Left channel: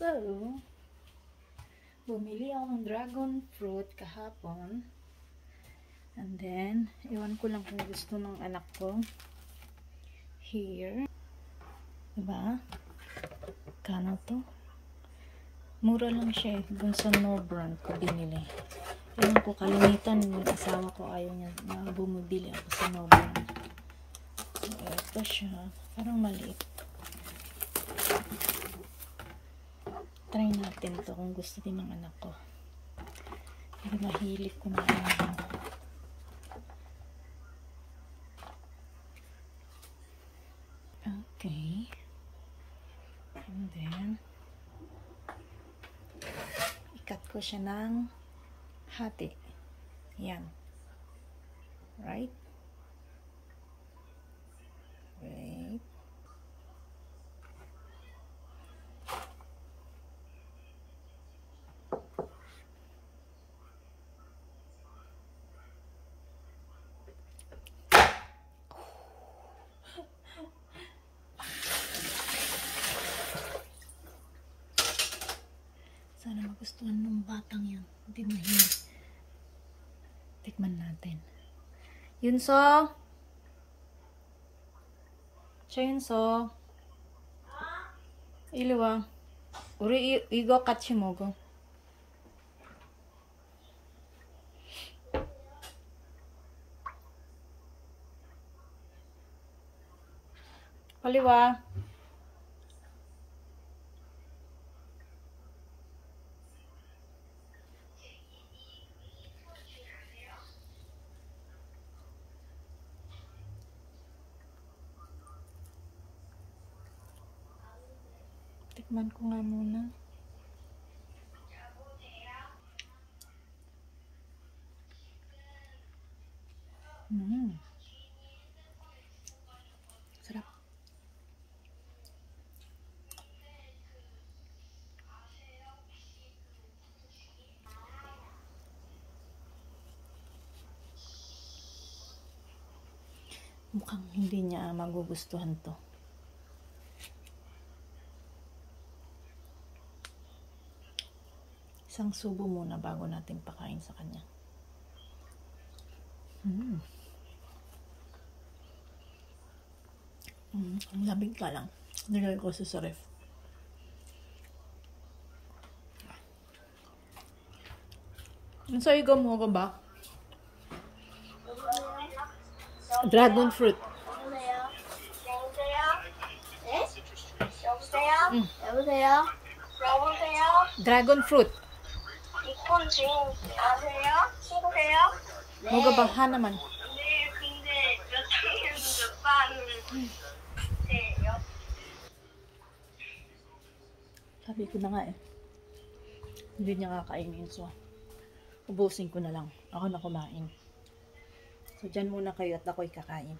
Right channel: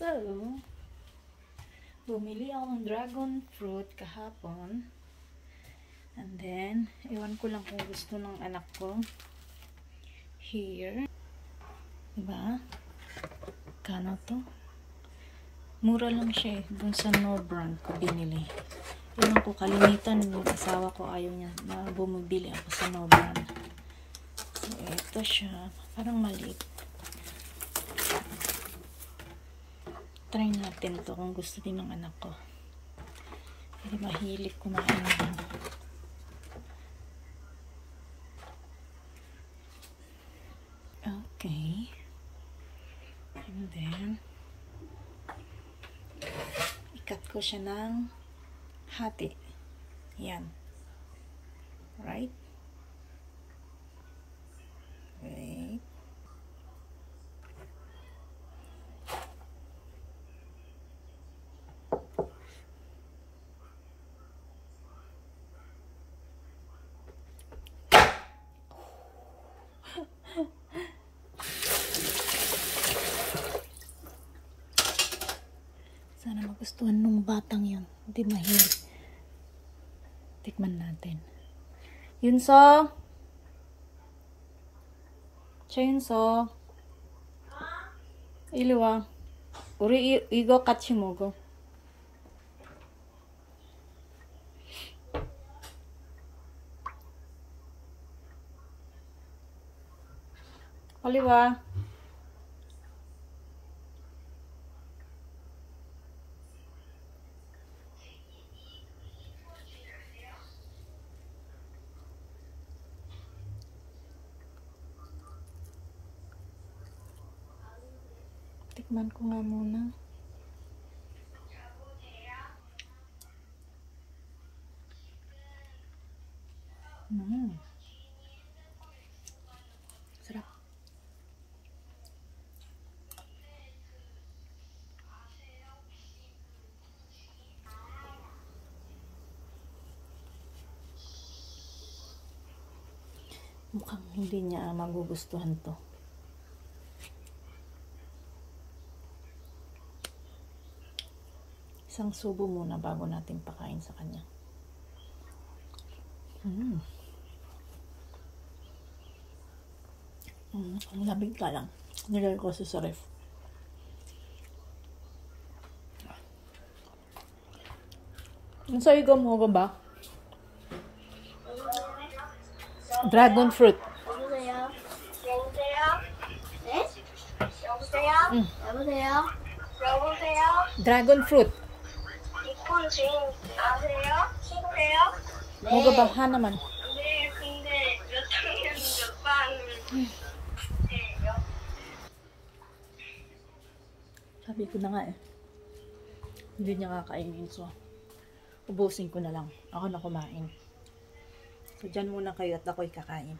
So, bumili ako ng dragon fruit kahapon. And then, iwan ko lang kung gusto ng anak ko. Here. Diba? Kano to? Mura lang siya. Dun sa No Brand ko binili. Iwan ko kalimitan. Yung asawa ko ayaw niya na bumibili ako sa No Brand. So, ito siya. Parang maliit. Try natin to kung gusto din ng anak ko. Hindi mahilig kumain din. Okay. And then, ikat ko siya ng hati. Yan. Right? Wait. Sana magustuhan ng batang yun. Hindi mahilig. Tikman natin. Yunso? Cha Yunso? I리 와. 우리 이거 같이 먹어. 빨리 와. Tikman ko nga muna. Sarap. Mukhang hindi niya magugustuhan to. Isang subo muna bago natin pakain sa kanya. Ang labig ka lang. Nilagay ko sa ref. Nasa igo mo ko ba? Dragon fruit. 여보세요? 여보세요? 네? 여보세요? 여보세요? 여보세요? Dragon fruit. 이콘 지금 아세요? 친구세요? 네. 먹어봐 하나만. 네, 근데 몇 학년 몇 반이에요? Sabi ko na nga eh. Hindi niya kakainin. So, ubusin ko na lang. Ako na kumain. So, dyan muna kayo at ako'y kakain.